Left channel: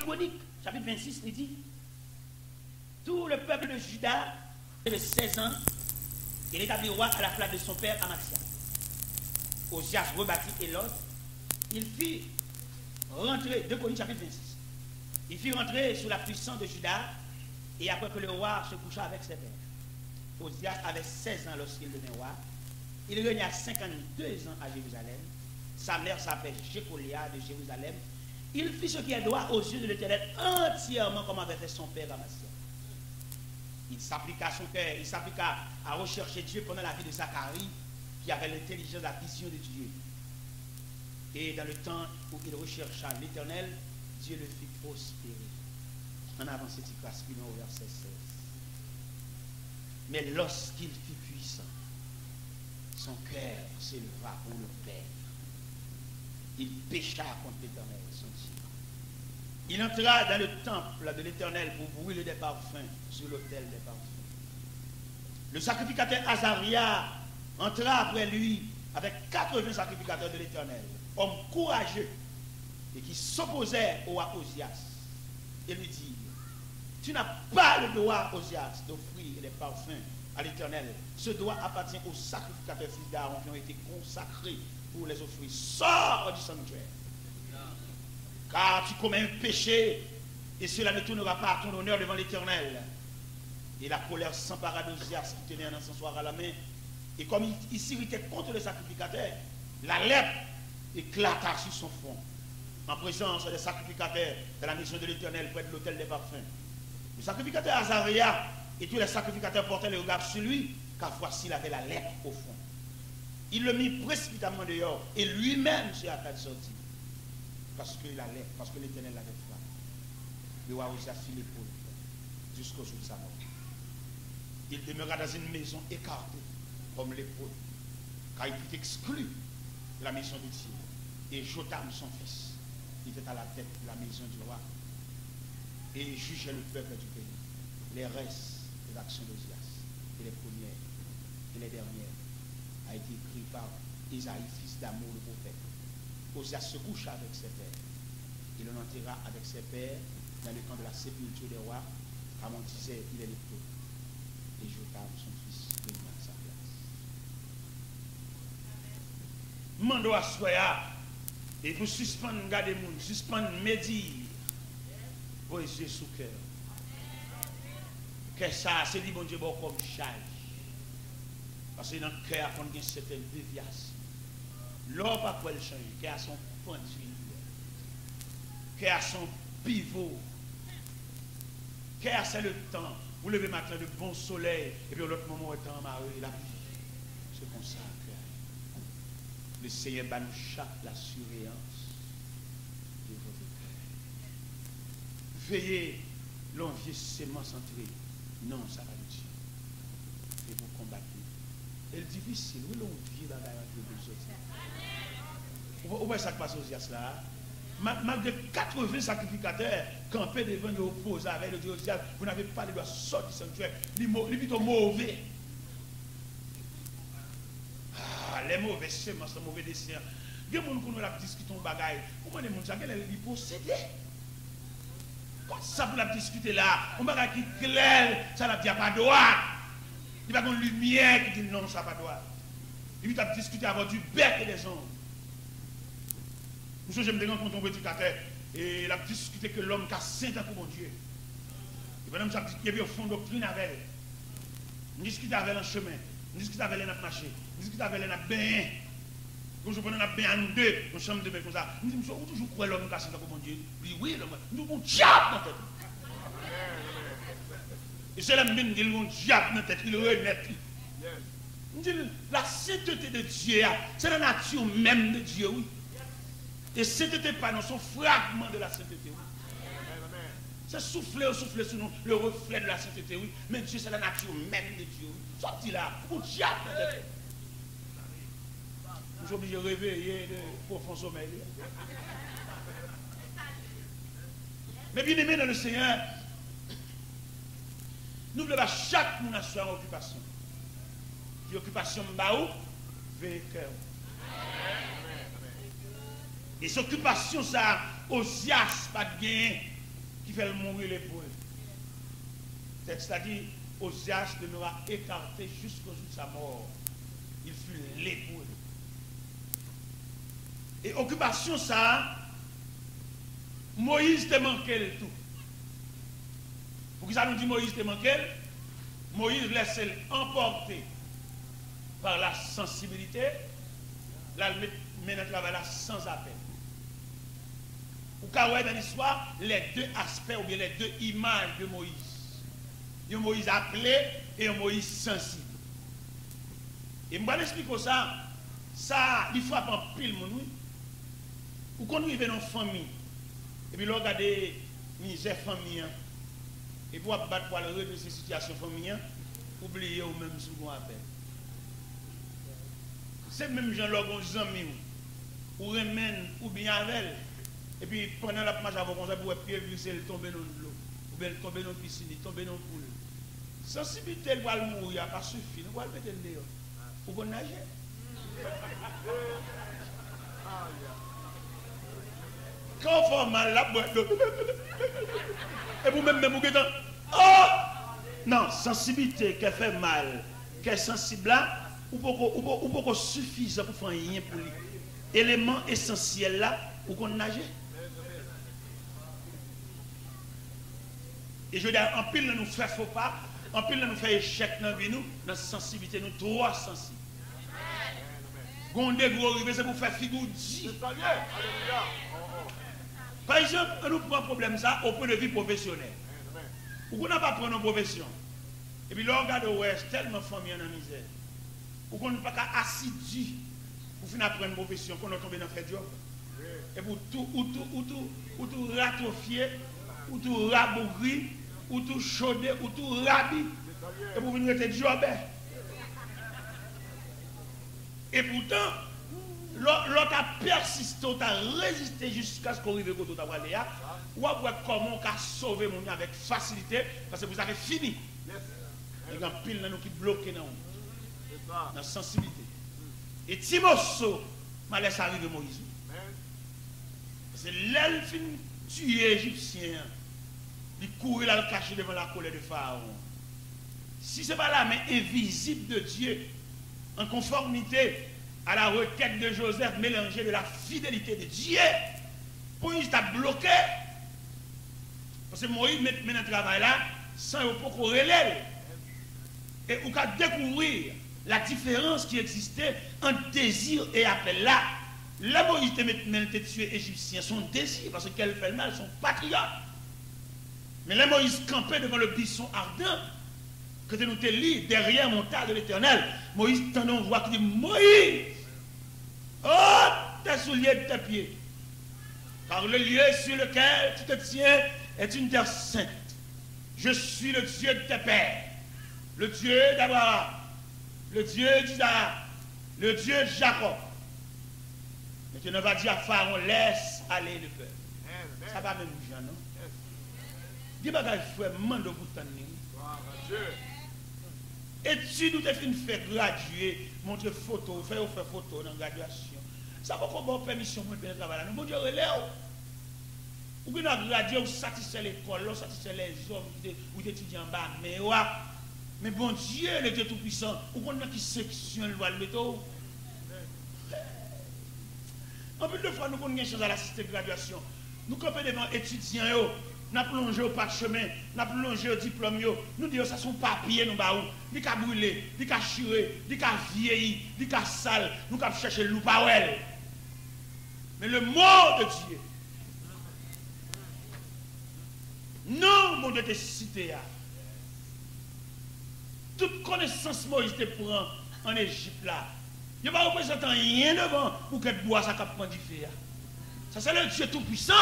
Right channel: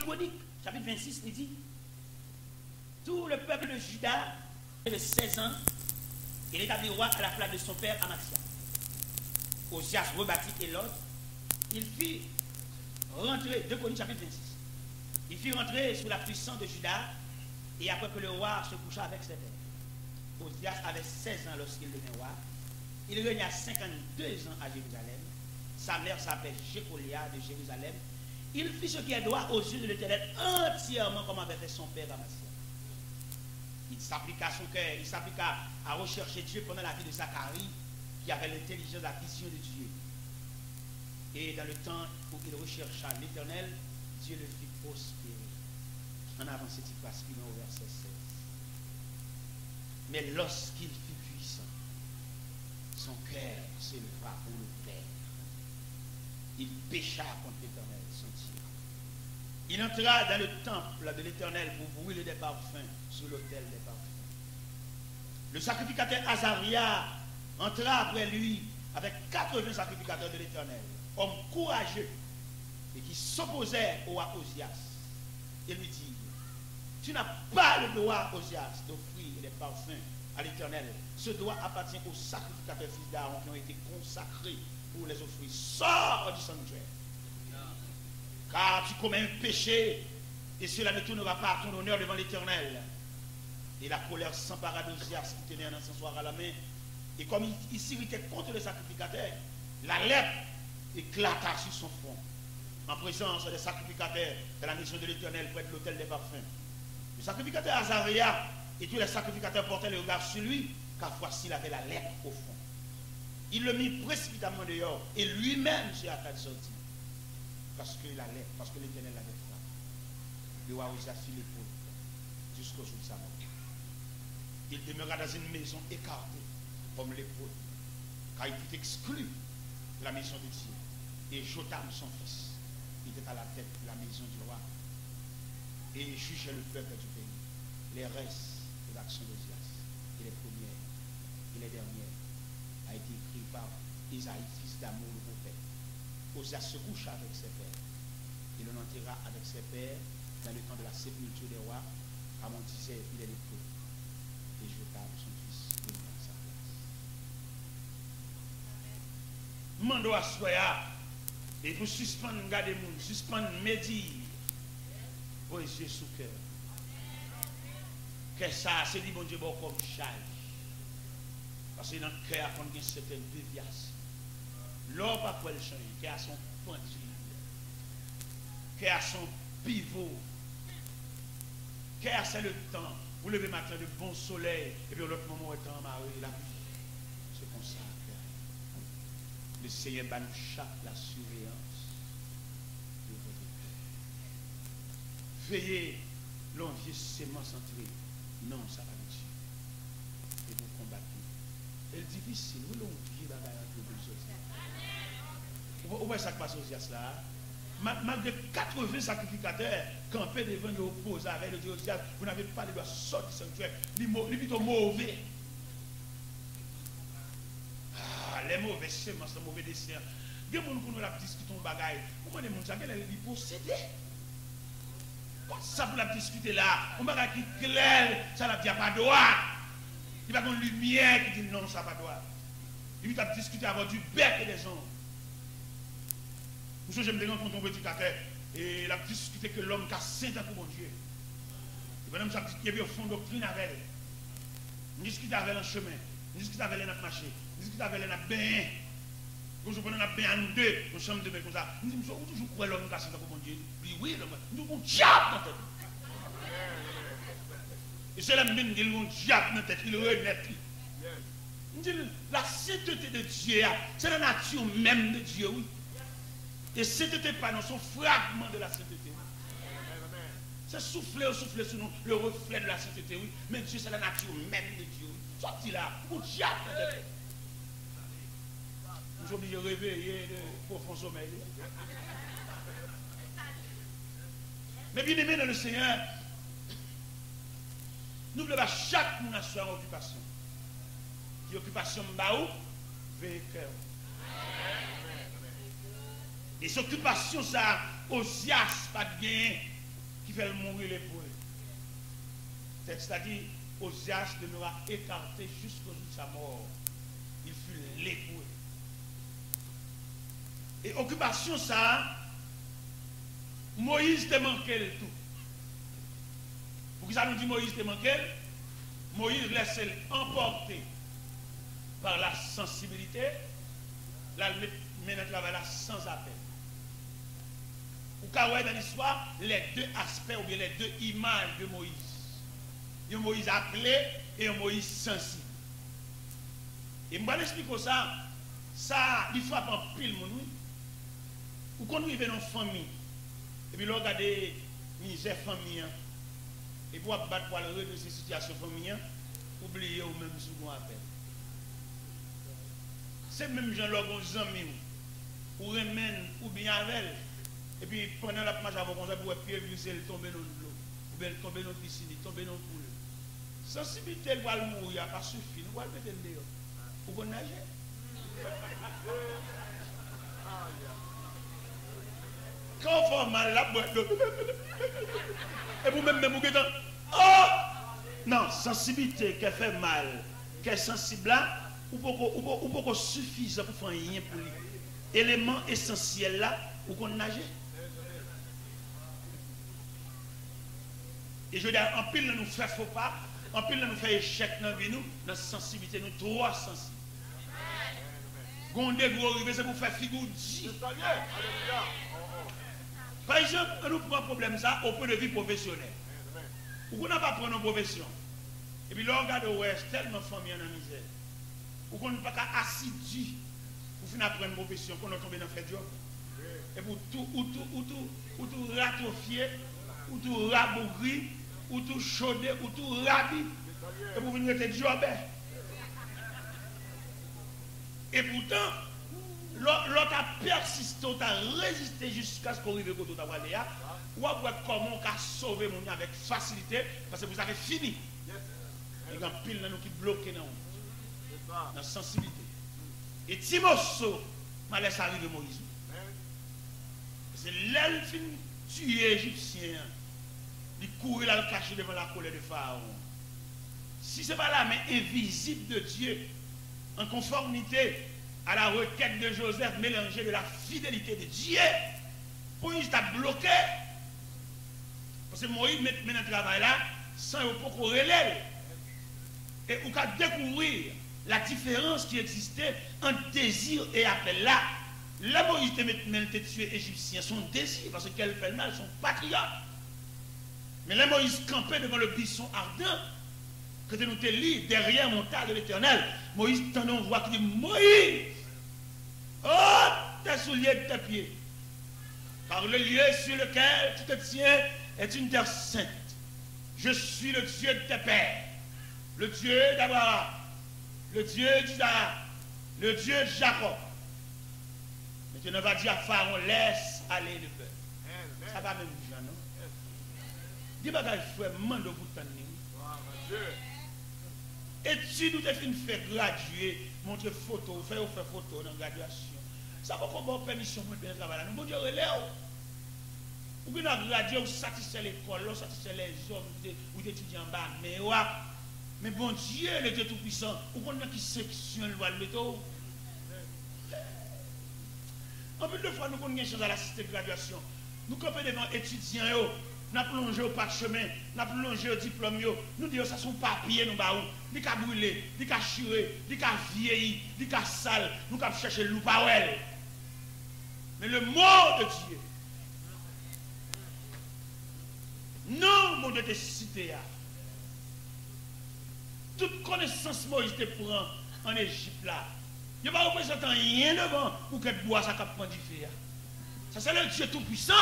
Chroniques, chapitre 26, il dit, tout le peuple de Juda avait 16 ans, il établit roi à la place de son père Amasia. Osias rebâtit Élot, il fit rentrer, 2 Chroniques, chapitre 26, il fit rentrer sous la puissance de Juda, et après que le roi se coucha avec ses pères. Osias avait 16 ans lorsqu'il devint roi. Il régna 52 ans à Jérusalem. Sa mère s'appelle Jécolia de Jérusalem. Il fit ce qui est droit aux yeux de l'Éternel entièrement comme avait fait son père Amasia. Il s'appliqua à son cœur, il s'appliqua à rechercher Dieu pendant la vie de Zacharie, qui avait l'intelligence, la vision de Dieu. Et dans le temps où il rechercha l'Éternel, Dieu le fit prospérer. En avant, c'est parce qu'il est au verset 16. Mais lorsqu'il fut puissant, son cœur s'éleva pour le plaire. Il pécha contre l'Éternel, son Dieu. Il entra dans le temple de l'Éternel pour brûler des parfums sur l'autel des parfums. Le sacrificateur Azaria entra après lui avec 80 sacrificateurs de l'Éternel, hommes courageux et qui s'opposaient au roi Osias, et lui dirent, tu n'as pas le droit, Osias, d'offrir des parfums à l'Éternel. Ce droit appartient aux sacrificateurs fils d'Aaron qui ont été consacrés pour les offrir. Sors du sanctuaire. Car tu commets un péché et cela ne tournera pas à ton honneur devant l'Éternel. Et la colère s'empara d'Osias qui tenait un encensoir à la main. Et comme il s'irritait contre les sacrificateurs, la lèpre éclata sur son front. En présence des sacrificateurs de la maison de l'Éternel près de l'autel des parfums. Le sacrificateur Azaria et tous les sacrificateurs portaient le regard sur lui, car voici il avait la lèpre au fond. Il le mit précipitamment dehors et lui-même s'est à sortir. Parce que la lèpre, parce que l'Éternel l'avait fait. Le roi Osias fit l'épaule jusqu'au jour de sa mort. Il demeura dans une maison écartée, comme l'épaule, car il fut exclu de la maison de Dieu. Et Jotam, son fils, il était à la tête de la maison du roi. Et il jugeait le peuple du pays. Les restes de l'action d'Osias, et les premières et les dernières, a été écrit par Isaïe, fils d'Amour, le prophète. Osias se coucha avec ses pères. Il en enterra avec ses pères dans le camp de la sépulture des rois, car on disait, il est le peuple. Et Jotam, son fils, devint à sa place. Mando à soya, et vous suspendre, garder moun, suspendre, médire, vos yeux sous cœur. Que ça, c'est dit bon Dieu, bon comme charge. Parce que dans le cœur, on a certaines déviations. L'homme pas quoi le changer, qui a son point de vue, qui a son pivot, qui a c'est le temps. Vous levez matin de bon soleil, et puis l'autre moment est en marée, la vie se consacre. Le Seigneur va nous chaque la surveillance de votre cœur. Veillez l'envie sémence entrée. Non, ça va nous tuer. Et vous combattre. Et le difficile, nous l'envie dans la vie de Jésus. Vous voyez ça qui passe aux Osias là. Malgré 80 sacrificateurs campés devant nous opposer avec le Dieu Osias, vous n'avez pas les doigts sortir du sanctuaire. Il est plutôt mauvais. Ah, les mauvais semences, les mauvais desseins. Il y a des gens qui ont discuté de bagaille. Comment les gens qui possédé? Ça pour la discuter là, on va qui clair, ça n'a pas droit. Il va y avoir une lumière qui dit non, ça n'a pas droit. Il va discuter avant du bec et des gens. Pour ça, je me demande quand on veut éducateur, et il a discuté que l'homme qui a 5 ans pour mon Dieu. Et pendant ça, il y a au fond doctrine avec elle. On discute avec elle en chemin, on discute avec elle en marché, on discute avec elle en bain. Quand je prends un bain à nous deux, nous sommes deux comme ça. Nous disons, vous toujours croire l'homme qui a 5 ans pour mon Dieu. Il dit, oui, l'homme, nous avons un diable dans la tête. Et c'est la même qui a un diable dans la tête, il remet. Nous disons, la sainteté de Dieu, c'est la nature même de Dieu, oui. Et sainteté pas dans son fragment de la sainteté, oui. C'est souffler sur nous, le reflet de la sainteté, oui. Mais Dieu, c'est la nature même de Dieu, oui. Sorti là, un diable dans la tête. Nous sommes obligés de réveiller de profond sommeil. Mais bien aimé dans le Seigneur, nous voulons chaque nation en occupation. Die occupation baou, vainqueur. Les occupations, ça, Osias, pas de gain, qui fait le mourir l'épaule. C'est-à-dire, Osias demeura écarté jusqu'au jour de sa mort. Il fut l'épaule. Et occupation ça, Moïse te manquait le tout. Pour que ça nous dit Moïse te manquait, Moïse laissait emporter par la sensibilité, là, maintenant travail là sans appel. Ou quand dans l'histoire, les deux aspects ou bien les deux images de Moïse. Il y a Moïse appelé et un Moïse sensible. Et je vais expliquer ça, il frappe en pile, mon oui. Ou quand nous vivons dans une famille, et puis nous regardons misère famille, et pour battre pour aller de ces situations familiales, oubliez ou même si vous appelez. C'est même gens-là, les amis, ou remènent, ou bien avec, et puis pendant la marche avant, on va pied glisser, tomber dans l'eau, ou bien tomber dans la piscine, tomber dans le poule. Sensibilité, elle va mourir, pas suffit, nous allons mettre dehors. Vous pouvez nager? Quand on fait mal, là, et vous-même, vous dites, oh! Non, sensibilité qui fait mal, qui est sensible là, ou pas suffisant pour faire rien pour lui. Élément essentiel là, ou qu'on nager. Et je veux dire, en pile, nous fait faux pas, en pile, nous fait échec dans la vie, nous, dans la sensibilité, nous trop sensibles. Gondé, vous arrivez, c'est pour faire figure dit. Par exemple, nous prenons un problème ça au point de vue professionnel. Ou qu'on n'a pas pris nos professions. Et puis là, on regarde, ouais, tellement famille en misère. Ou qu'on n'a pas assidu pour finir apprendre une profession, qu'on a tombé dans le job. Et pour tout ratofier, ou tout rabougrir, ou tout chauder, ou tout rabi. Et pour venir être job. Et pourtant, l'autre a persisté, a résisté jusqu'à ce qu'on arrive au côté de Léa. Ou à voir comment on a sauvé mon avec facilité, parce que vous avez fini. Il y a un pile dans nous qui bloque dans la sensibilité. Et Timoso m'a laissé arriver Moïse. C'est l'elle qui tuer Égyptien. Il courir là, le cacher devant la colère de Pharaon. Si ce n'est pas la main invisible de Dieu, en conformité à la requête de Joseph mélangée de la fidélité de Dieu, Moïse t'a bloqué. Parce que Moïse met maintenant le travail là, sans pas qu'on relève. Et on peut découvrir la différence qui existait entre désir et appel là. Là, Moïse te maintenant tué Égyptien, son désir, parce qu'elle fait le mal, son patriote. Mais là, Moïse campait devant le buisson ardent, que nous te lis derrière mon tas de l'Éternel. Moïse tendant voix qui dit, Moïse, oh, tes souliers de tes pieds. Car le lieu sur lequel tu te tiens est une terre sainte. Je suis le Dieu de tes pères, le Dieu d'Abraham, le Dieu d'Isaac, le Dieu de Jacob. Maintenant, va dire à Pharaon, laisse aller le peuple. Ça va même dire, non? Dis pas qu'il faut demander au bout de temps. Étude où tu fait graduer, montrer photo, faire photo dans la graduation. Ça va faire bonne permission pour le travail. Nous, bon Dieu, relève. Ou bien on a gradué, ou satisfait l'école, ou satisfait les hommes, ou étudiants en bas, mais bon Dieu, le Dieu Tout-Puissant, ou qu'on a qui sectionne le métaux. En plus de fois, nous avons une chose à l'assisté de graduation. Nous campons devant étudiants, nous avons plongé au parchemin, nous avons plongé au diplôme, nous disons ça sont papiers, nous avons ni qu'à brûler, ni qu'à chirer, ni qu'à vieillir, ni qu'à sale, nous avons cherché le loup. Mais le mot de Dieu, non, mon Dieu, te cité. Toute connaissance Moïse te prend en Égypte là. Il ne va pas représenter rien devant pour que bois ça capte du feu. Ça c'est le Dieu Tout-Puissant.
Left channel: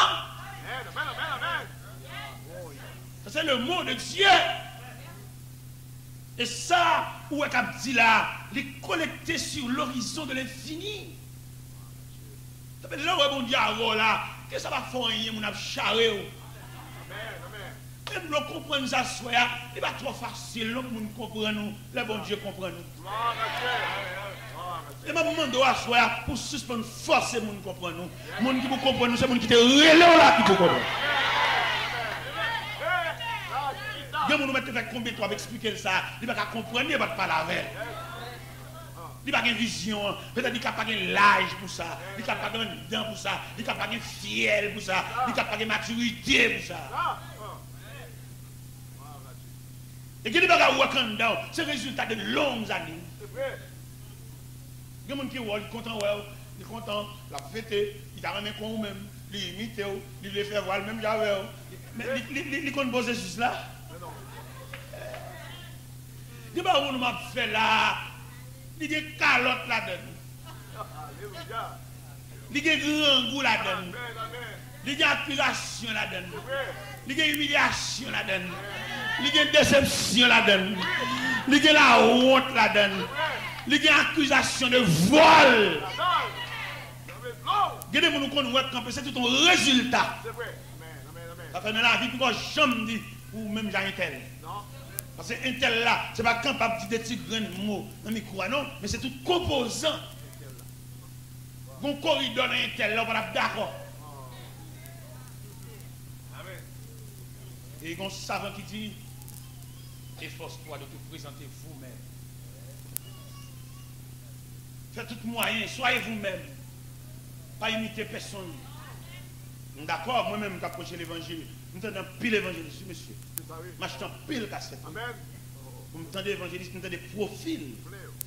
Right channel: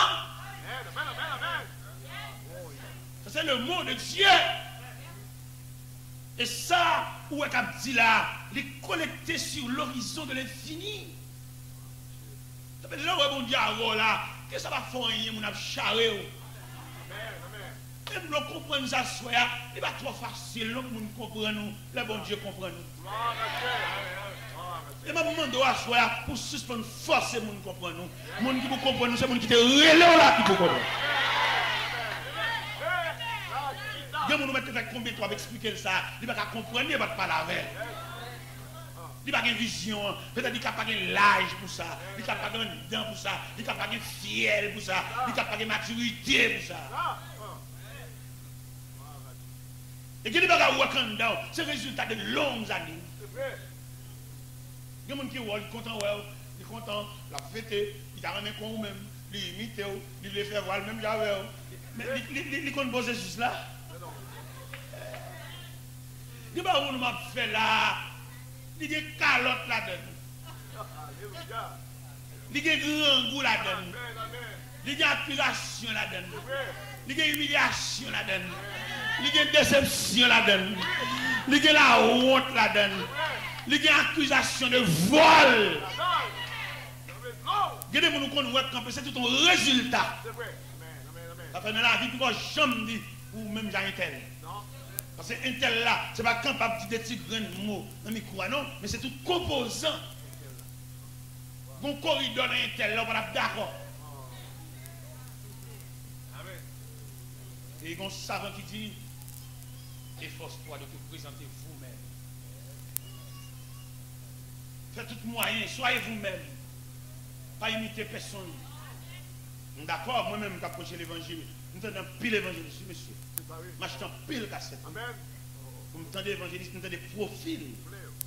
Ça c'est le mot de Dieu. Et ça, où est qu'il dit là, il est connecté sur l'horizon de l'infini. Ça fait là où on dit à là, que ça va faire rien, on a charré. Et nous comprenons ça, il va trop facile, nous comprenons, le bon Dieu comprend nous. Et je demande à soi pour suspendre force, nous comprenons. Les gens qui vous comprennent, c'est les gens qui te relèvent là qui vous comprennent. Il y a des gens qui fait combien de temps expliquer ça. Il ne va pas comprendre, il ne va pas parler avec. Il n'a pas de vision, peut-être qu'il n'a pas de l'âge pour ça, il n'a pas de dents pour ça, il n'a pas de fiel pour ça, il n'a pas de maturité pour ça. Et qu'il n'a pas de work down, c'est le résultat de longues années. Il y a des gens qui sont contents, ils sont contents, la fête, ils ont ramené comme même, ils imitent, ils les font voir même j'avais. Mais ils connaissent poser juste là. Il n'y a pas de gens qui fait là. Il y a des calottes là-dedans. Il y a des grands goûts là-dedans. Il y a des accusations là-dedans. Il y a des humiliations là-dedans. Il y a des déceptions là-dedans. Il y a la honte là-dedans. Il y a des accusations de vol. Il y a des gens qui ont c'est tout un résultat. Ça fait dans la vie pour jamais dire ou même j'ai un tel. Parce que un tel là, ce n'est pas capable de dire des petits grains de mots dans le micro, non, mais c'est tout composant. Bon corridor dans un tel là, on va d'accord. Et il y a un savant qui dit, efforce-toi de te présenter vous-même. Faites tout moyen, soyez vous-même. Pas imiter personne. D'accord, moi-même, quand je l'évangile, je me pile l'évangéliste, monsieur. Je m'achète pile cassette. Vous me tendez évangéliste, vous me tendez profil.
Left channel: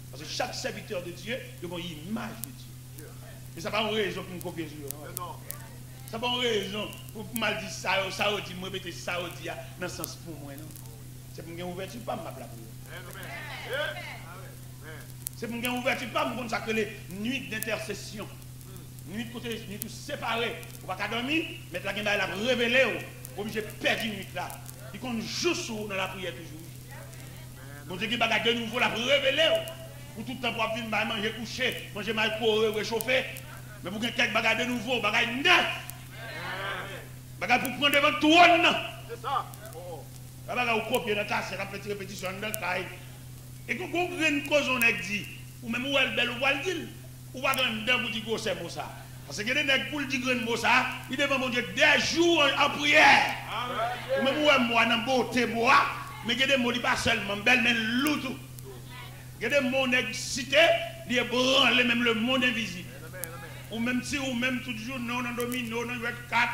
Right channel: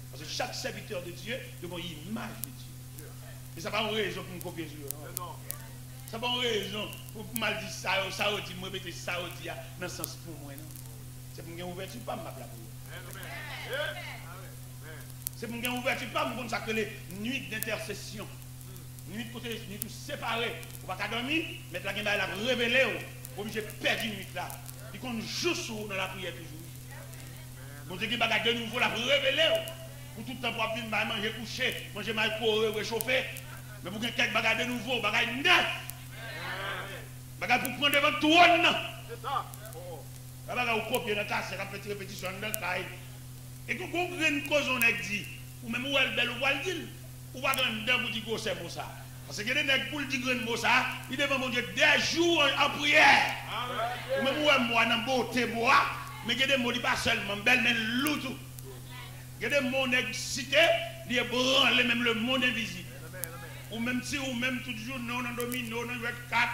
Parce que chaque serviteur de Dieu, il a une image de Dieu. Mais ça n'a pas une raison pour me copier Dieu. Ça n'a pas une raison pour mal dire ça, ça dit, moi, mettez ça, dit, dans le sens pour moi. C'est pour me gagner ouverture, pas me la prière. C'est pour me gagner ouverture, pas me consacrer les nuits d'intercession. Nuit côté, nuit séparée. On va pas dormir, mais la gueule a révélé, obligé de perdre une nuit là. Il compte juste dans la prière toujours. Bon Dieu qui va de nouveau la révéler. Pour tout le temps pour venir manger coucher, manger mal pour réchauffer. Mais pour que quelqu'un bagaille de nouveau, bagaille neuf. Bagaille pour prendre devant tout le monde. C'est ça. Bagaille au copier dans ta c'est la petite répétition dans le taille. Et quand vous avez une cause on a dit, ou même où elle belle ou elle dit, ou va dans le vous dire que c'est ça. Parce que les nègres pour dire que ça, ils devant mon Dieu des jours en prière. Ou même où elle moi dans beauté bois. Mais il y a des mots qui ne sont pas seulement belles, mais l'autre. Il y a des mots excités, qui ébranlent même le monde invisible. Ou même si, ou même tout jour, nous, on domine, nous, on 4,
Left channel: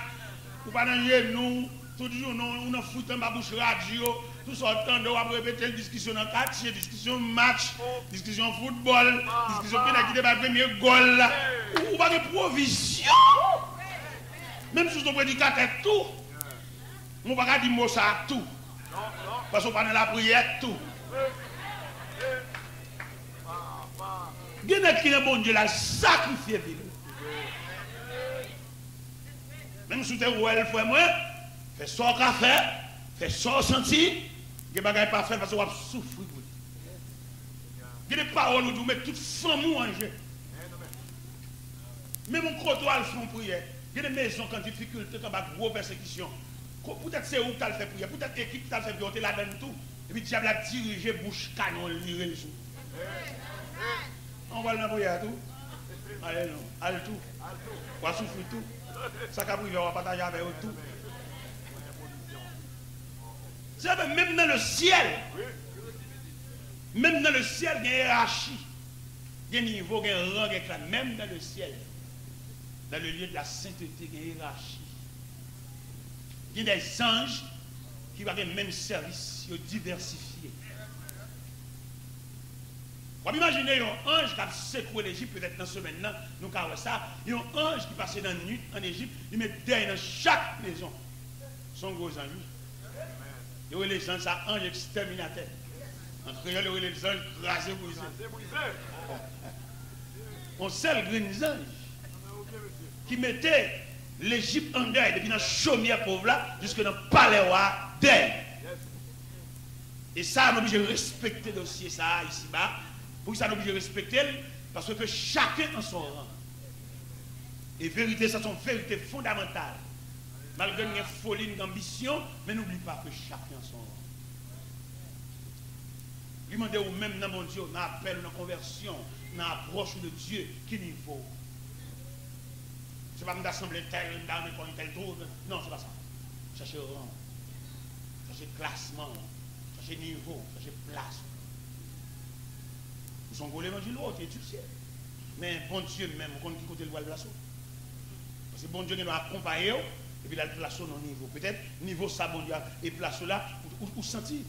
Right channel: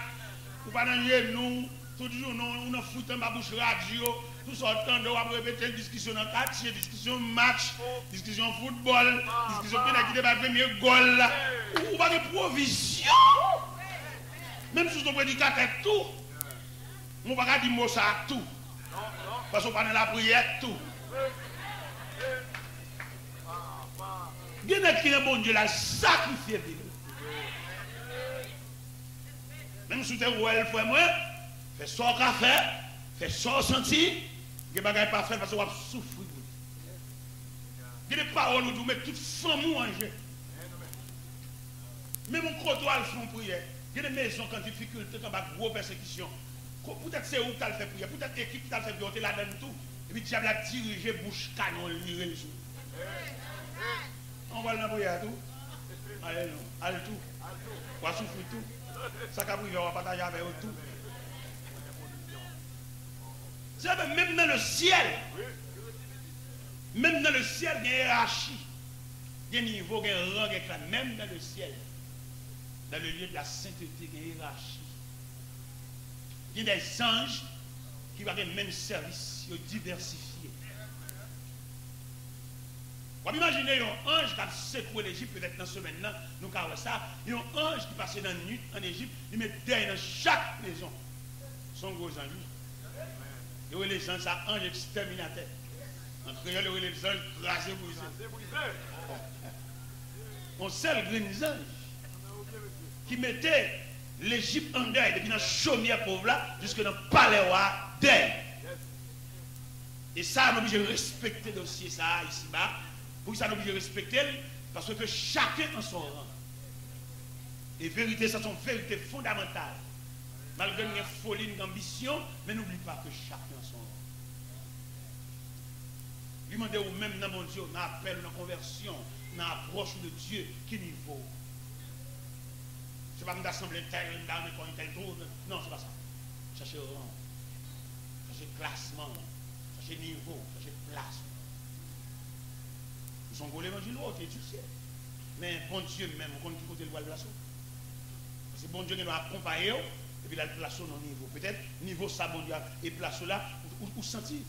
ou pas dans nous, tout jour, nous, on fout dans ma bouche radio, tout sortant de, on va répéter discussion dans 4, discussion match, discussion football, discussion qui n'est pas le premier goal, ou pas de provision. Même si on prédicateur tout, on ne va pas dire mot ça à tout. Parce qu'on parle de la prière, tout. Il y a qui est bon Dieu, l'a sacrifié. Même si tu es où elle fait moi, fais ça au café, fais ça au senti, il n'y a pas fait parce qu'on va souffrir. Il y a des paroles où vous mettez toute femme en jeu. Même mon côtoie, ils font prière. Il y a des maisons qui ont des difficultés, qui ont des grosses persécutions. Peut-être c'est où tu as fait prière, peut-être l'équipe t'a fait prière, là-dedans tout. Et puis tu as dirigé bouche canon, il résout. On va dans la prière tout. Allez, non, allez tout. On va souffrir tout. Ça qu'a privé, on va partager avec eux tout. C'est même dans le ciel. Même dans le ciel, il y a une hiérarchie. Il y a un niveau, il y a un rang, même dans le ciel. Dans le lieu de la sainteté, il y a une hiérarchie. Il y a des anges qui vont avoir le même service, diversifié. Vous imaginez un ange qui a secoué l'Égypte, peut-être dans ce semaine-là, nous avons ça. Il y a un ange qui passait dans la nuit en Égypte, il met derrière dans chaque maison son gros ange. Il y a les anges, ça ange exterminateur. En créole, il y a les anges rasés brisés. On sait les anges qui mettaient l'Égypte en deuil, depuis dans la chaumière pauvre là, jusque dans le palais roi deuil. Et ça, on est obligé de respecter le dossier, ça, ici-bas. Pour ça, on est obligé de respecter, parce que chacun en son rang. Et vérité, ça, c'est une vérité fondamentale. Malgré une folie, une ambition, mais n'oublie pas que chacun en son rang. Demandez ou même dans mon Dieu, dans l'appel, dans la conversion, dans l'approche de Dieu, quel niveau? Je ne vais pas m'assembler tel, tel, tel, tel, non, c'est pas ça. Cherchez rang, cherchez classement, chercher niveau, chercher place. Ils sont volés dans une autre, tu sais. Mais bon Dieu même, on compte qui côté le voile place. Parce que bon Dieu nous a accompagné, et puis il a placé dans le niveau. Peut-être, niveau ça, bon Dieu, et place là, ou sentir,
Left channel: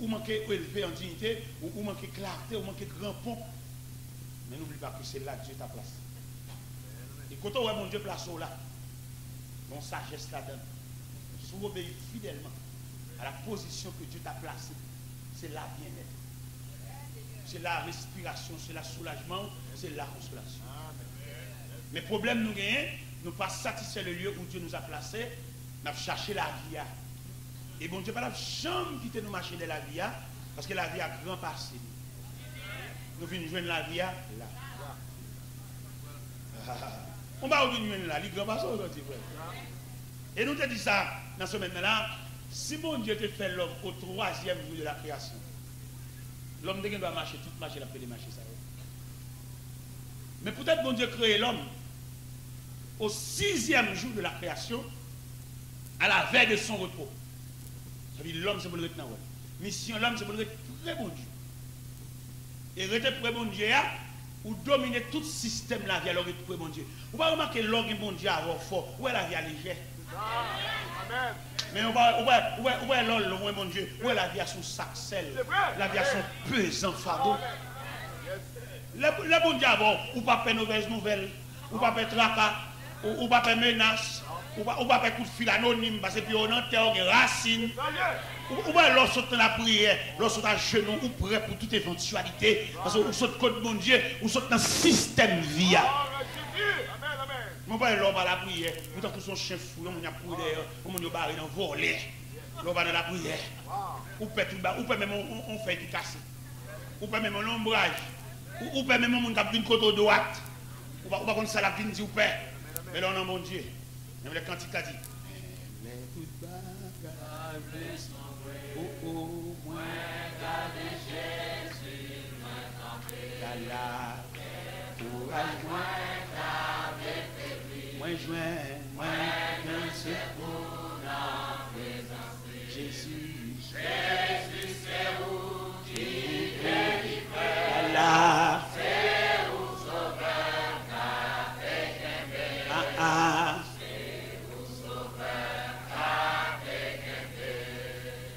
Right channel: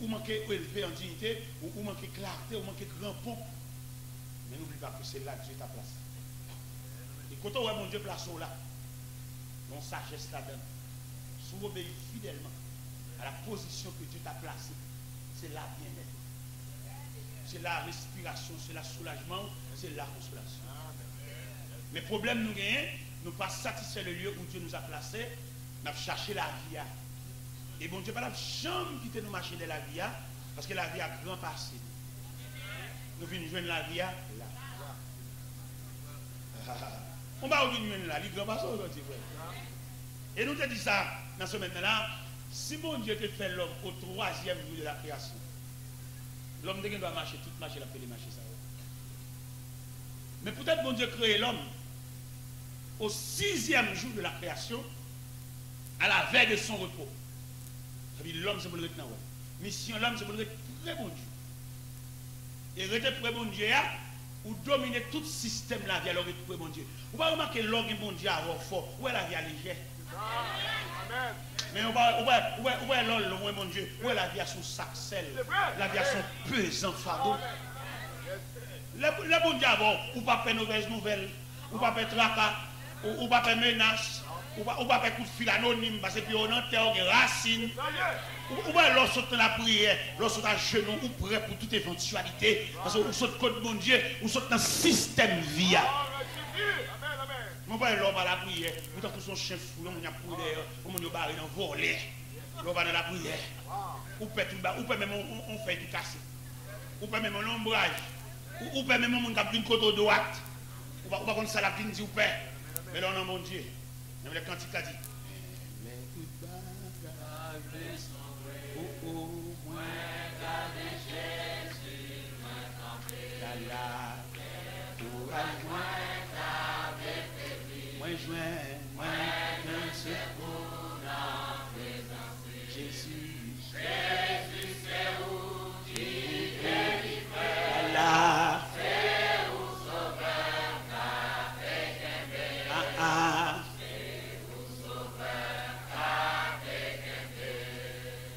ou manquer élevé en dignité, ou manquer clarté, ou manquer grand pont. Mais n'oublie pas que c'est là que Dieu t'a placé. Et quand on voit mon Dieu placé là, mon sagesse là-dedans, si vous obéissez fidèlement à la position que Dieu t'a placée, c'est là bien-être. C'est la respiration, c'est le soulagement, c'est la consolation. Mais le problème nous gagnons, nous pas satisfaire le lieu où Dieu nous a placés, nous avons cherché la vie. Et bon Dieu, pas la chambre qui nous marcher de la vie, parce que la vie a grand passé. Nous venons joindre la vie là. On va venir là, il grand passé aujourd'hui, frère. Et nous te dit ça dans ce moment-là, si bon Dieu te fait l'homme au 3e jour de la création, l'homme doit marcher, tout marcher, la paix de marcher ça. Mais peut-être bon Dieu crée l'homme au 6e jour de la création, à la veille de son repos. Ça veut dire l'homme c'est pour le retenir. Mission l'homme c'est pour le très bon Dieu. Et rester pour bon Dieu, ou dominer tout système de la vie alors que pour bon Dieu. Vous ne remarquer que l'homme bon Dieu a fort, où est la vie à légère. Mais on va l'homme bon Dieu, où est la vie à son sac sel, la vie à son pesant fardeau. Le bon Dieu avant, ou pas faire mauvaise nouvelle, ou pas faire tracas, ou pas faire menace, ou pas faire coup de fil anonyme, parce que puis on enterre des racines. Ou bien lorsque la prière, lorsque à genoux, ou prêt pour toute éventualité, parce que vous sautez contre mon Dieu, vous sautez dans le système via. Mon père l'homme à la prière, vous avez son chef fou, on a pour d'ailleurs, on a barré dans voler, l'homme va dans la prière. Ou peut même on fait du cassé, ou peut même un ombrage, ou peut même on a une côte droite, ou pas comme ça la vie dit ou père, mais là on a mon Dieu, même le cantique a dit.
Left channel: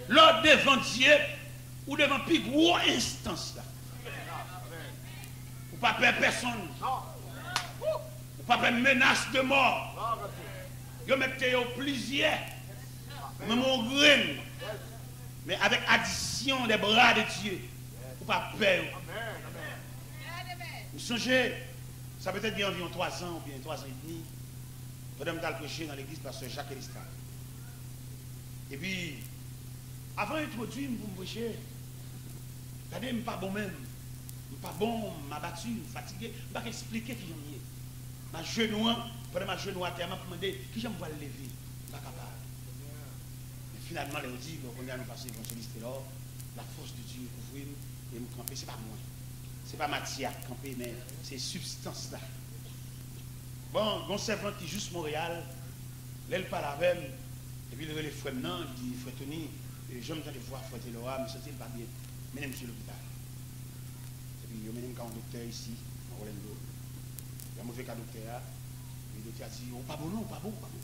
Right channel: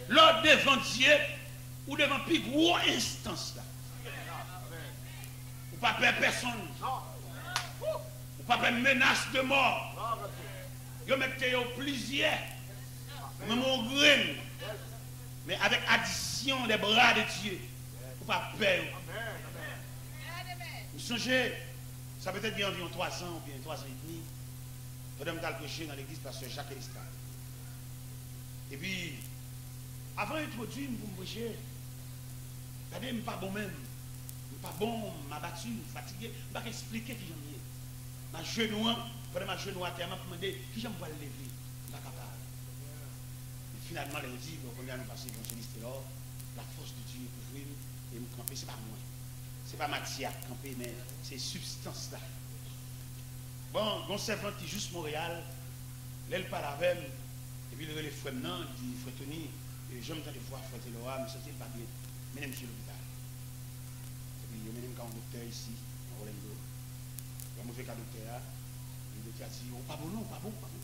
L'ordre devant Dieu ou devant plus gros instance là. Ou pas peur personne. Ou pas peur menace de mort. Vous mettez au plaisir. Même au grain. Mais avec addition des bras de Dieu. Ou pas peur. Vous songez, ça peut être bien environ 3 ans ou bien 3 ans et demi. Pendant que je prêché dans l'église pasteur Jacques Elistral. Et puis, avant d'introduire pour me prêcher, je ne suis pas bon même. Je ne suis pas bon, je suis battu, je suis fatigué. Je ne peux pas expliquer qui j'en ai. Ma genou, pendant ma genou à terre, je me demandé qui j'aime pas le lever. Je ne suis pas capable. Et finalement, on dit, on a passé dans ce liste là, la force de Dieu couvrir et me camper. Ce n'est pas moi. Ce n'est pas matière camper, mais c'est substance là. Bon, mon servant qui est juste Montréal, elle parle avec elle, et puis il le frère non, il dit, frère Tony, j'aime tant de voir frère Laura, mais c'est pas bien. Mais monsieur l'hôpital. Et puis il y a même un docteur ici, à Orlando. Il y a un mauvais cas docteur, le docteur a dit, oh pas bon, non, pas bon, pas bon.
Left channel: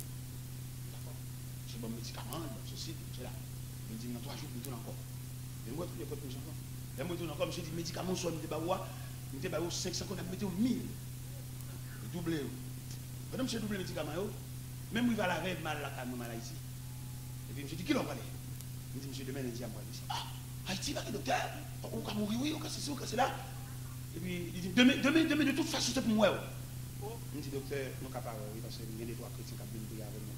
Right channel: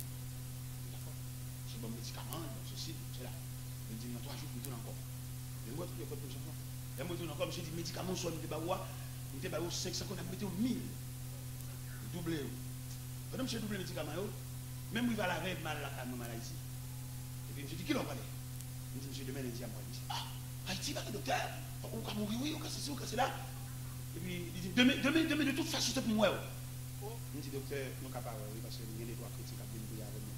D'accord. C'est bon médicament, ceci, cela. Il dit, dans 3 jours, je me tourne encore. Je vois tous les codes pour les enfants. Je me tourne encore, monsieur dit, médicament, soit nous débaoua, nous débaoua 500, on a mis 1000. Doublé. Quand monsieur double médicament, même il va la rêve mal la canne mal ici. Et puis je dis, qui l'en parle? Je dis, monsieur, demain, lundi, à moi. Il dit, ah, Haïti, va le docteur, on va mourir, oui, on va c'est c'est là. Et puis il dit, demain, de toute façon, c'est pour moi. Je dis, docteur, nous sommes capables, parce qu'il y a des droits chrétiens qui viennent prier avec nous.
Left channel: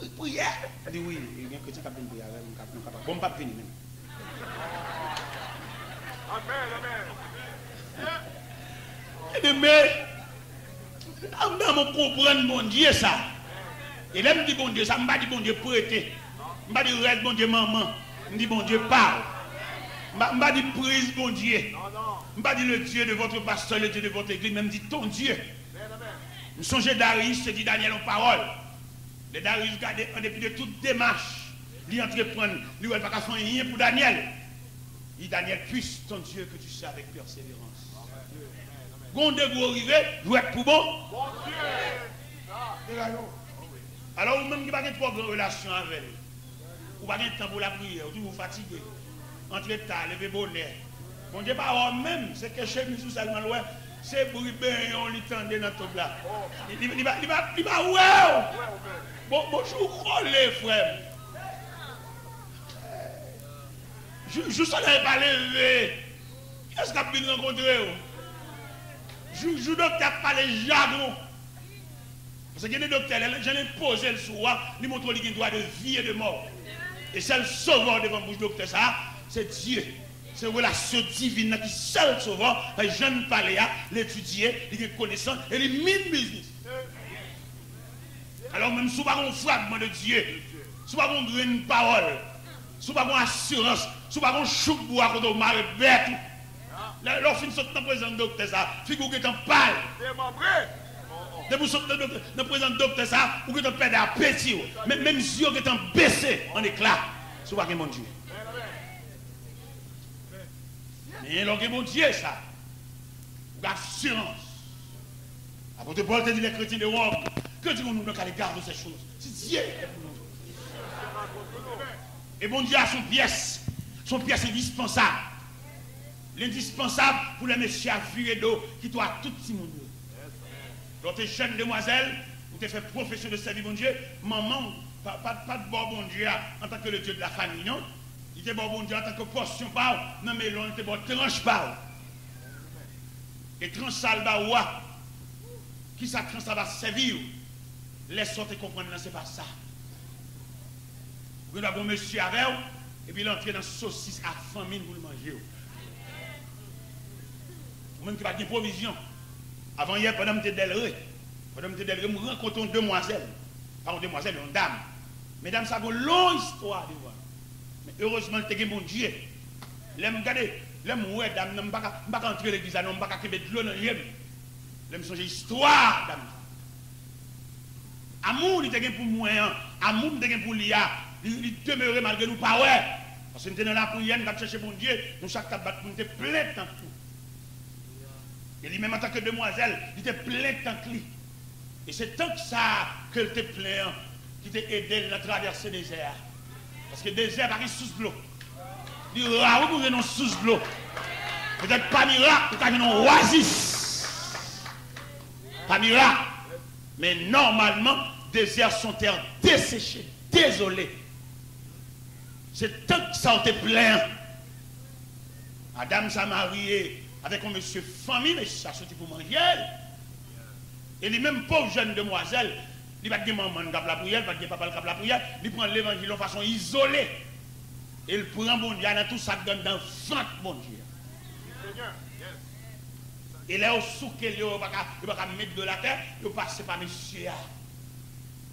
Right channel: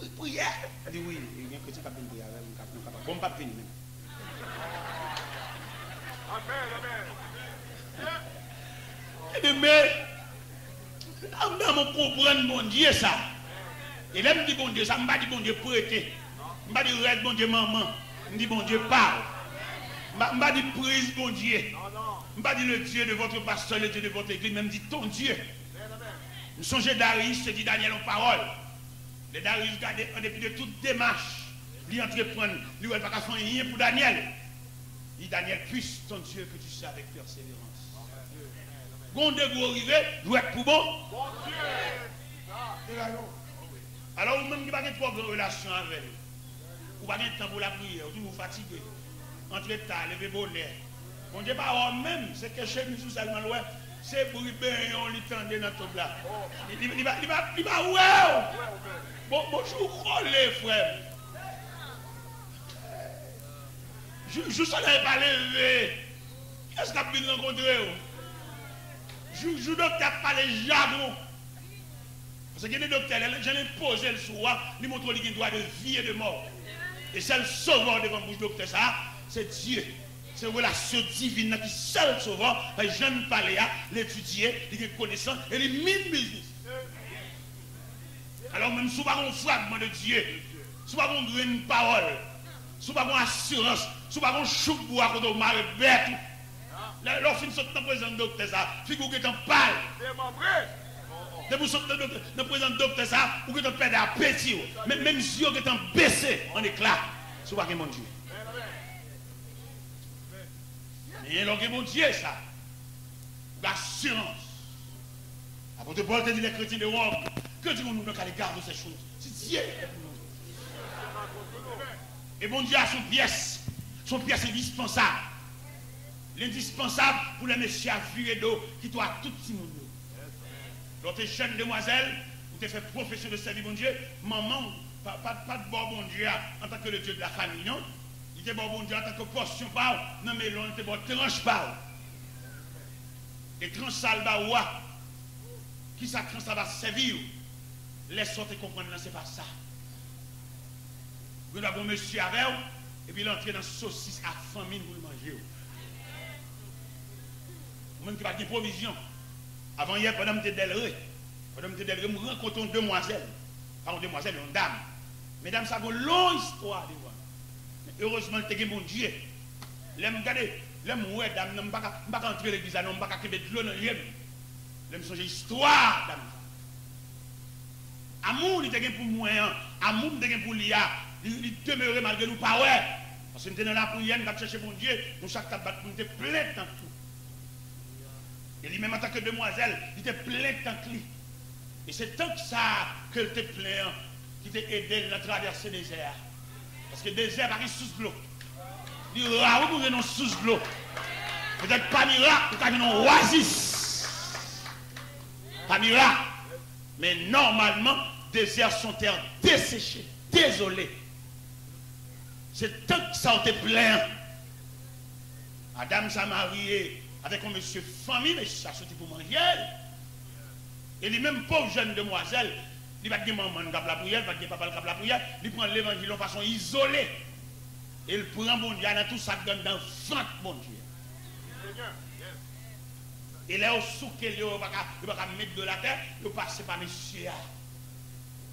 Oui, prière. Il dit, oui, il y a des chrétiens qui viennent prier avec nous. Bon, pas venir. Amen. Mais, on va comprendre mon Dieu ça. Et là, je dis bon Dieu, ça ne m'a dit bon Dieu prêter. Je ne m'a dit reste bon Dieu maman. Je dis bon Dieu parle. Je ne m'a dit prise bon Dieu. Je ne m'a dit le Dieu de votre pasteur, le Dieu de votre église, même dit ton Dieu. Je songe Darius, se dit Daniel en parole. Le Darius, en dépit de toute démarche, lui entreprendre, lui, il ne va pas faire rien pour Daniel. Dit Daniel, puisse ton Dieu que tu sais avec persévérance. Gonde vous arrivez, vous êtes pour bon. Alors, vous-même qui n'avez pas de relation avec lui, vous n'avez pas de temps pour la prière, vous vous fatiguez. Entrez tard, levez bonheur. Bon Dieu, pas même, c'est que chez nous, seulement, c'est pour lui bien, on lui tendait dans tout là. Il va, ouais. Bonjour, les frères. Je ne pas lever. Qu'est-ce qu'on a pu rencontrer? Je ne pas les jargons. Parce que les docteurs, j'en ai posé le soir, ils montrent qu'il y a un droit de vie et de mort. Et c'est le sauveur devant le docteur, ça, c'est Dieu. C'est la relation divine qui est seul sauveur. Les jeunes parlent, l'étudier, les connaissants et les mille business. Alors même si vous n'avez pas un fragment de Dieu, si vous n'avez pas une parole, si vous n'avez pas une assurance, si vous n'avez pas un chou de bois quand vous m'avez bête, lorsque vous êtes dans le présent docteur, ça, figure que vous êtes pâle. Dès que vous êtes dans le présent docteur, ça, vous êtes perdre à petit. Même si vous êtes baissé en éclat, si vous n'avez pas mon Dieu. Mais lorsque mon Dieu, ça, l'assurance. Après, Paul te dit les chrétiens de Rome, que dit-on nous qu'à l'égard de ces choses? C'est Dieu est pour nous. Et mon Dieu a son pièce indispensable. L'indispensable pour les messieurs à fuir d'eau qui doit tout le monde. Lorsque jeune demoiselle, vous te fait profession de servir mon Dieu, maman, pas de bon Dieu en tant que le Dieu de la famille, non? Il était bon Dieu en tant que portion par, non mais l'on était bon tranche par. Et tranche salba ouah, qui ça tranche ça va servir, laisse sortir comprendre, non, c'est pas ça. Vous avez un monsieur avec vous, et puis l'entrée dans saucisse à famine pour le manger. Vous-même qui va de provision. Avant hier, pendant que je suis je rencontre une demoiselle. Pas une demoiselle, une dame. Mesdames, ça a une longue histoire. Heureusement, je mon Dieu. L'aime regarder, l'aime ouais, dame, je ne peux pas entrer à l'église, je ne peux pas mettre de l'eau dans l'hyem. L'aime changer l'histoire, dame. Amour, il était pour moi, amour, il était pour l'IA. Il demeurait malgré nous, pas ouais. Parce que nous sommes dans la prière, nous avons cherché mon Dieu, nous chaque tabac, nous sommes plein de temps. Et lui-même en tant que demoiselle, il était plein de temps. Et c'est tant que ça qu'elle était plein, qui t'a aidé à traverser le désert. Parce que le désert arrive sous l'eau. Il y a où nous sous l'eau. Peut-être pas miracle, peut-être une oasis. Pas miracle. Mais normalement, désert sont terres desséchées, désolées. C'est tant que ça était plein. Madame s'est mariée avec un monsieur famille, mais ça sorti pour manger. Et les mêmes pauvres jeunes demoiselles, il va dire maman qui la prière, il va dire papa qui la prière, il prend l'évangile de façon isolée. Et il prend mon Dieu dans tout ça donne dans 20 mon Dieu. Et là, au souk, il va pas mettre de la terre, il va passer par monsieur.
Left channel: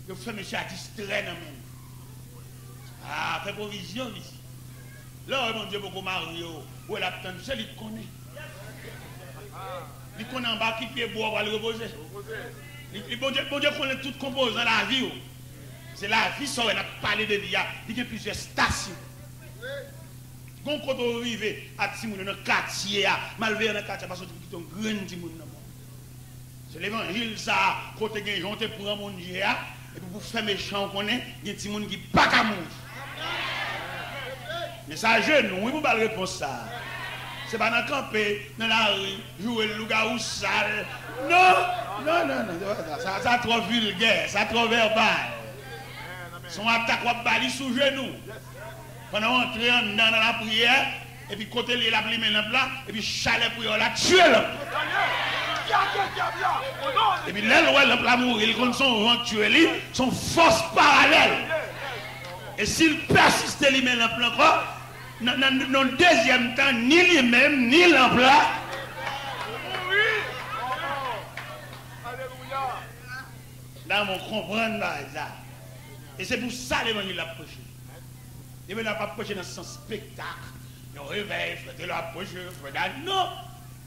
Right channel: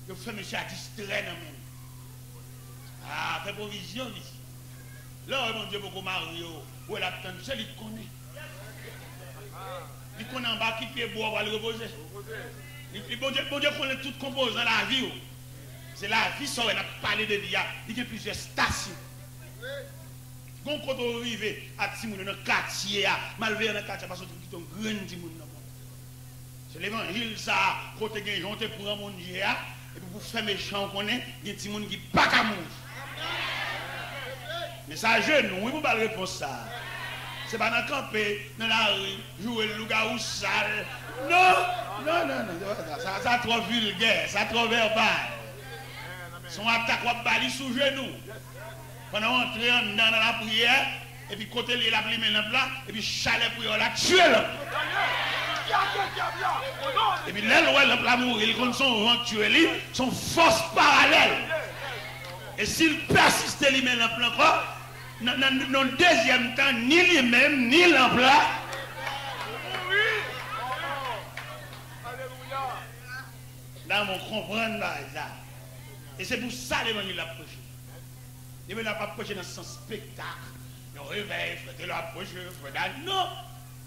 Il fait monsieur à distraire dans même. Ah, fait provision ici. Là, mon Dieu, beaucoup marié, où elle a tant de il connaît. Il connaît en bas qui peut boire, va le reposer. Bon Dieu connaît tout compose dans la vie. C'est la vie, ça, elle a parlé de vie. Il y a plusieurs stations. Donc, quand on arrive à Timoun, dans le quartier, malveillant dans le quartier, parce que tu es un grand Timoun. C'est l'évangile, ça, quand tu as des gens qui prennent mon Dieu, et puis pour faire méchant, on connaît, il y a des Timoun qui ne pas qu'à mourir. Mais ça, je ne vous pas répondre ça. C'est pas dans le camper, dans la rue, jouer le loup-garou sale. Non, ça trop vulgaire, ça trop verbal. Son attaque va bali sous genou. Pendant entrer dans la prière, et puis côté il a pris maintenant là, et puis chalet pour la tuer là. Et puis là, le plat mourir, il compte son vent tuer lui, son force parallèle. Et s'il persiste lui-même dans le plan, dans le deuxième temps, ni lui-même, ni l'emploi. Là, on comprend là. Et c'est pour ça que l'évangile a prêché. L'évangile n'a pas prêché dans son spectacle. Le réveil, faites le approcher, non.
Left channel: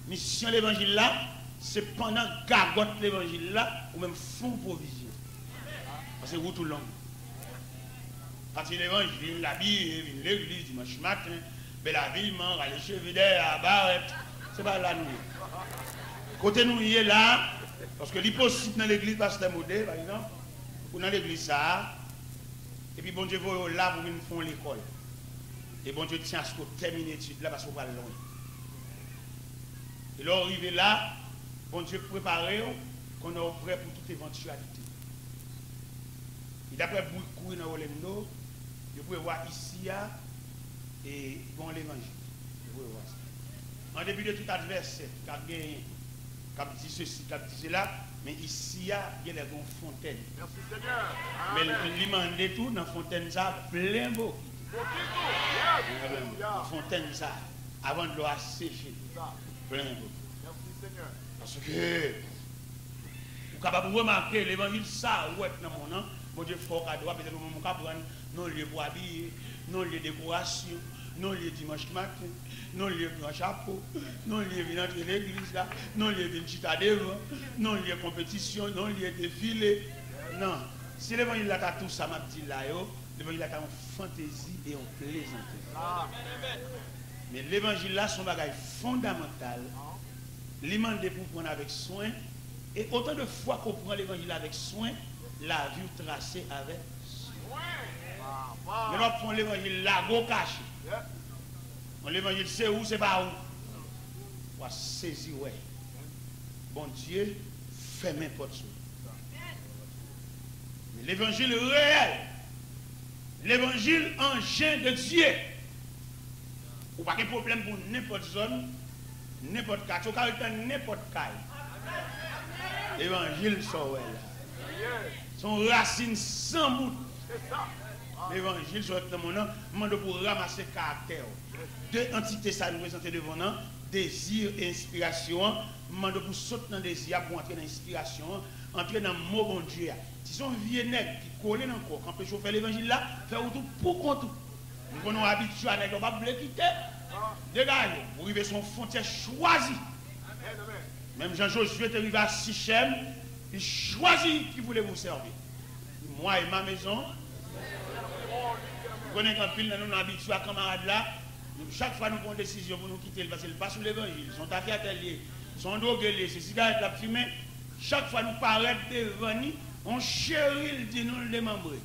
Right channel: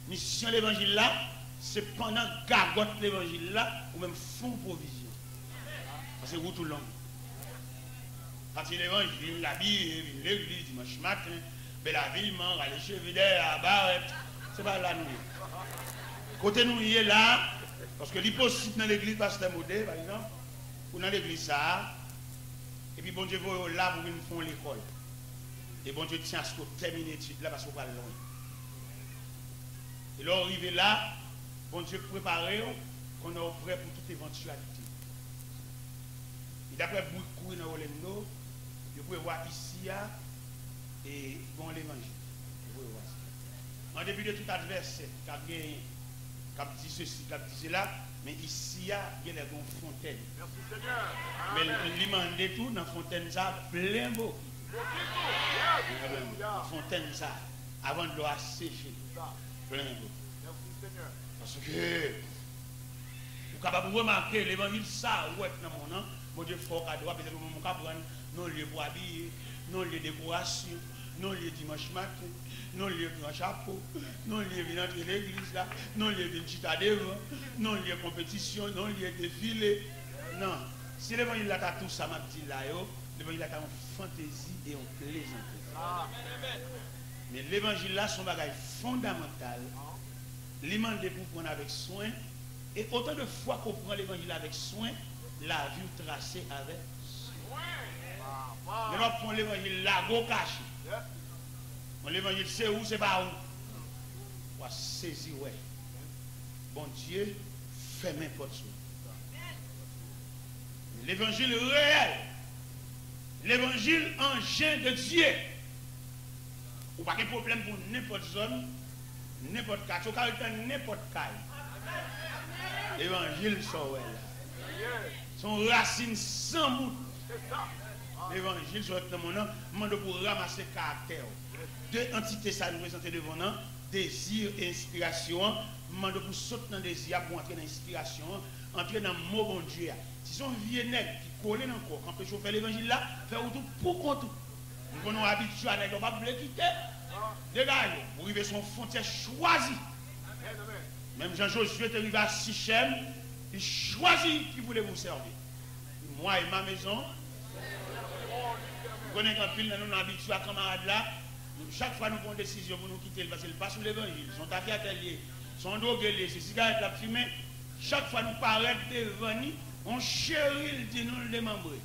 Mission de l'évangile là, c'est pendant gargote l'évangile là, ou même fond provision. Parce que vous tout le long. Quand il l'évangile, la Bible, l'église, dimanche matin, Mais la ville, les cheveux à barrette, c'est pas là nous. Côté nous, il est là, parce que l'hypocrite dans l'église, pasteur Modé, par exemple, ou dans l'église ça, et puis bon Dieu, vous là, vous venez faire l'école. Et bon Dieu tient à ce que vous terminez l'étude là, parce que vous allez loin. Et là, arrivé là, bon Dieu préparé, qu'on est prêt pour toute éventualité. Et d'après beaucoup dans Orlando, vous pouvez voir ici, et bon l'évangile. Vous pouvez voir ça. En début de tout adversaire, qui a dit ceci, qui a dit cela, mais ici, il y a les fontaines. Merci Seigneur. Mais il demande tout dans la fontaine, ça, plein beau. Fontaine, ça, avant de l'eau sécher. Plein beau. Merci Seigneur. Parce que, vous êtes capable de remarquer l'évangile, ça, où est dans mon nom, mon Dieu, fort à droite, peut-être mon cap, non lieu pour habiller, non lieu décoration, non lieu dimanche matin, non lieu grand chapeau, non lieu venir entrer l'église là, non lieu venir chita devant, non lieu compétition, non lieu défilé. Non. Si l'évangile là, tout ça, m'a dit là, l'évangile là, en fantaisie et en plaisanterie. Mais l'évangile là, son bagage fondamental, il demande pour prendre avec soin, et autant de fois qu'on prend l'évangile avec soin, la vue tracée avec soin. On va prendre l'évangile là, go caché. L'évangile c'est où, c'est pas où. On va saisir, ouais. Bon Dieu, fait n'importe quoi. L'évangile réel, l'évangile engin de Dieu. Ou pas de problème pour n'importe zone, n'importe cas, au caractère n'importe cas. L'évangile sont son racine sans bout. L'évangile soit dans mon nom, demande pour ramasser caractère. Deux entités ça nous présenter devant nous, désir et inspiration. Demande pour sauter dans le désir, pour entrer dans l'inspiration, entrer dans le mot bon Dieu. Si son vieux nègre qui colle dans le corps, quand on peut chauffer l'évangile là, faire tout pour compte. Nous sommes habitués à ne pas quitter. Dégagez, vous arrivez son frontière choisie. Même Jean-Josué est arrivé à Sichem, il choisit qui voulait vous servir. Moi et ma maison, vous connaissez quand pile, nous sommes habitués à camarades là, chaque fois nous prenons une décision pour nous quitter, parce qu'ils passent sur l'évangile, ils sont affaires ateliers, ils sont drogués, c'est cigarettes la fumée. Chaque fois nous paraît devant nous, on chérit, dit nous le démembrer.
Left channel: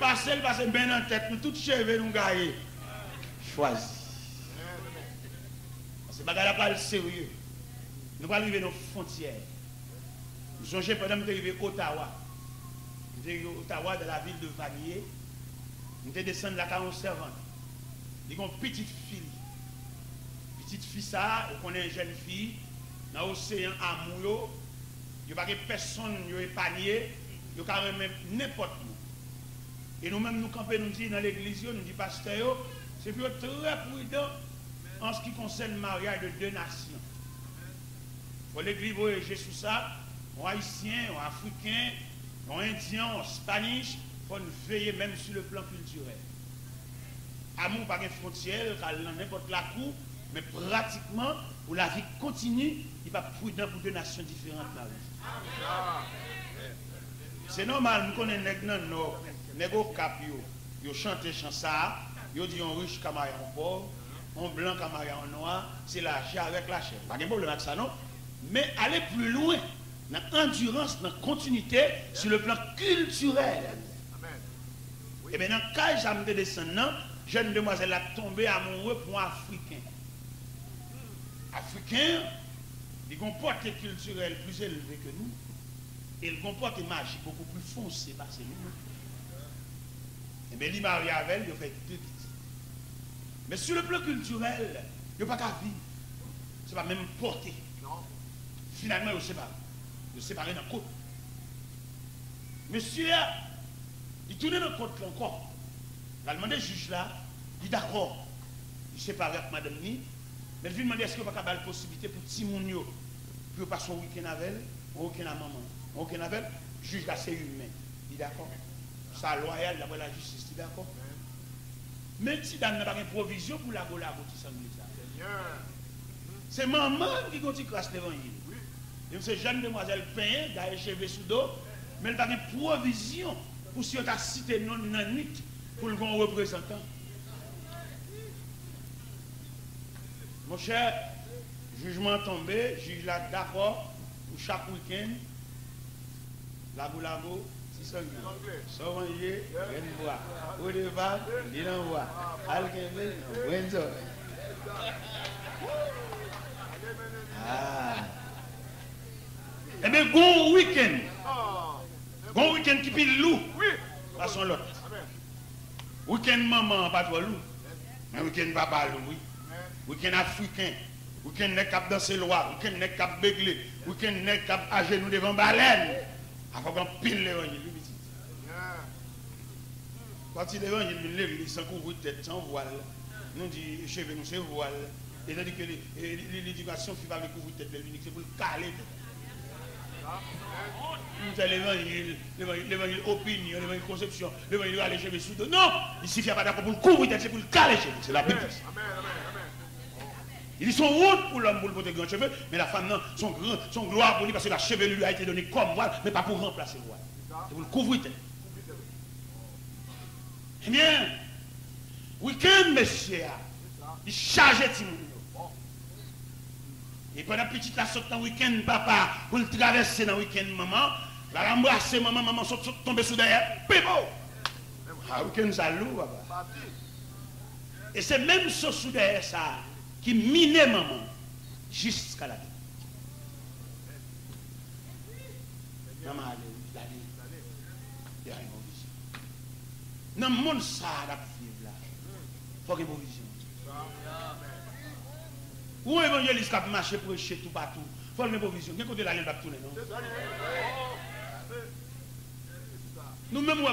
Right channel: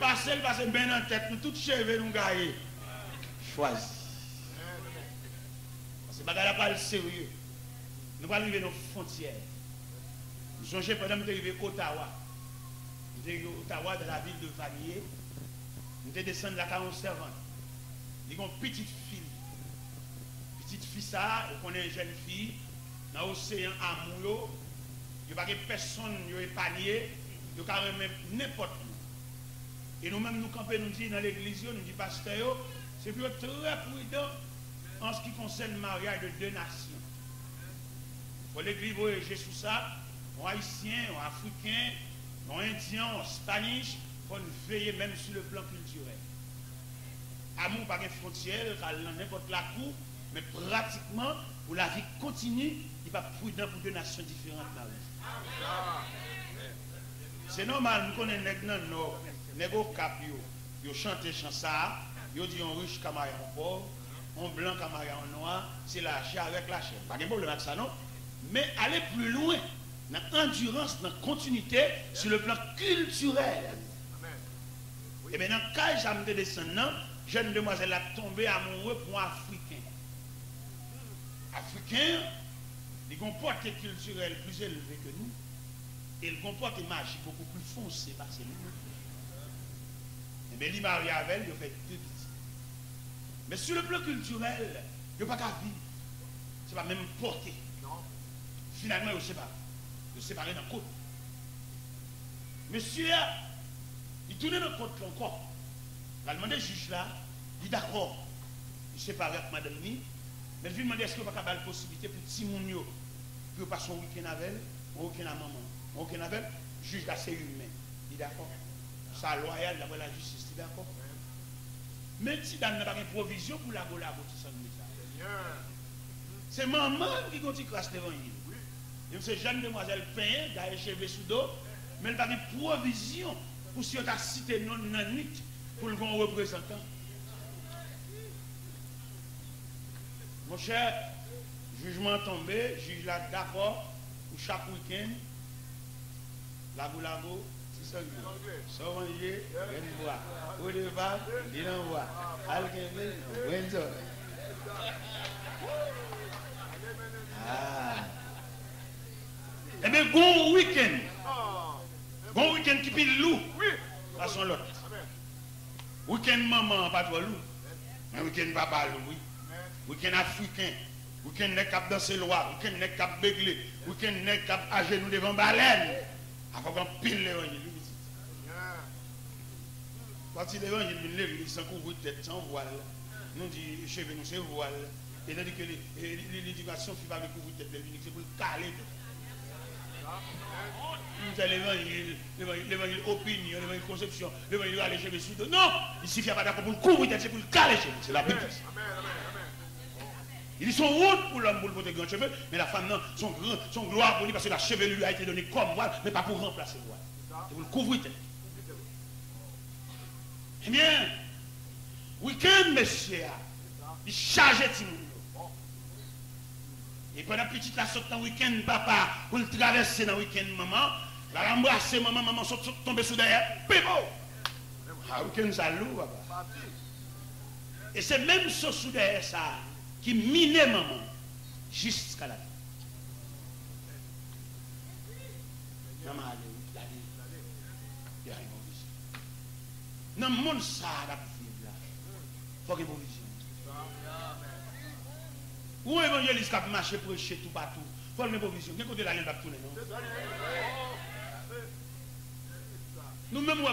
Passer bien en tête, nous tous cheveux nous gagnons. Choisi. Parce que bagarre pas le sérieux. Nous allons arriver dans nos frontières. Nous songez pendant que nous arrivons à Ottawa. Nous arrivons à Ottawa, dans la ville de Vanier. Nous descendons la 40 servante. Nous avons une petite fille. Petite fille, ça, on connaît une jeune fille. Dans l'océan amoureux. Il n'y a pas personne qui est épargné. Il n'y a même n'importe où. Et nous-mêmes, nous campons, nous disons dans l'église, nous disons, pasteur, c'est très prudent en ce qui concerne le mariage de deux nations. Il faut l'église voyager sur ça, en haïtien, en africain, en indien, en spanish, il faut nous veiller même sur le plan culturel. Amour par une frontière, car n'importe la cour, mais pratiquement, pour la vie continue, il n'est pas prudent pour deux nations différentes. C'est normal, nous connaissons les nord, les cap, ils chantent chant ça, ils disent on riche comme un pauvre, on blanc comme un noir, c'est la chair avec la chair. Pas de problème avec ça, non? Mais aller plus loin, dans l'endurance, dans la continuité, sur le plan culturel. Et bien, dans le cas où j'ai descendant, jeune demoiselle a tombé amoureux pour un Africain. Africain, il comporte culturel plus élevé que nous, et il comporte une magie beaucoup plus foncée parce que nous. Et bien, il marie avec elle, il fait deux petits. Mais sur le plan culturel, il n'y a pas qu'à vivre. Ce n'est pas même porté. Finalement, il sépare. Il séparé dans le côte. Monsieur, il tourne dans le côte encore. Il a demandé au juge là, il est d'accord. Il séparé avec madame Ni. Mais il lui demande est-ce qu'il n'y a pas la possibilité pour Timounio, pour passer un week-end avec elle, un week-end à maman, un week-end avec elle, le juge là, c'est humain. Il est d'accord. Ça loyal d'après la justice, il est d'accord. Mais si dans n'a pas de provision pour la gola, c'est maman qui continue à cracher l'évangile. C'est jeune demoiselle peint, d'aller cheveux sous dos, mais elle n'a pas de provision pour si on a cité non nanite pour le grand représentant. Mon cher, jugement tombé, juge là d'accord pour chaque week-end. Lago, c'est ça. Sorangé, rien de bois. Au départ, il envoie. Alkemel, Wenzo. Ah. Eh bien, bon week-end. Bon week-end qui pile loup. Façon l'autre. Week-end maman, pas trop loup. Mais week-end papa loup, oui. Week-end africain. Week-end n'est qu'à danser le roi. Week-end n'est qu'à bégler. Week-end n'est qu'à à genoux devant baleine. Avant qu'on pile l'évangile. Quand il l'évangile, l'église sans couvrir tête, sans voile. Nous disons, cheveux, nous c'est voile. Et nous dit que l'éducation fait pas avec couvrir tête, c'est pour le caler. L'évangile opinion, l'évangile conception, l'évangile aller chez les sous. Non, il suffit pas d'accord pour le couvrir tête, c'est pour le caler chez c'est la Bible. Ils sont routes pour l'homme pour le porter grand cheveux, mais la femme, non, son gloire pour lui, parce que la chevelure lui a été donnée comme voile, mais pas pour remplacer le voile. C'est pour le couvrir tête. Eh bien, week-end, monsieur, il charge tout le monde. Et pendant petit la saute dans le week-end, papa, pour le traverser dans le week-end, maman, la embrasser, maman saute tomber sous derrière, pépo! Ah, week-end, ça lourd, papa. Et c'est même ce sous derrière ça qui minait maman jusqu'à la vie. Maman, la vie, il y a une bonne vision. Dans le monde, ça, la vie, là, il faut qu'il y ait une bonne vision. Où évangéliste qui a marché pour prêcher tout partout? Il faut une provision. Quel côté la ligne va tourner, non? Nous-mêmes,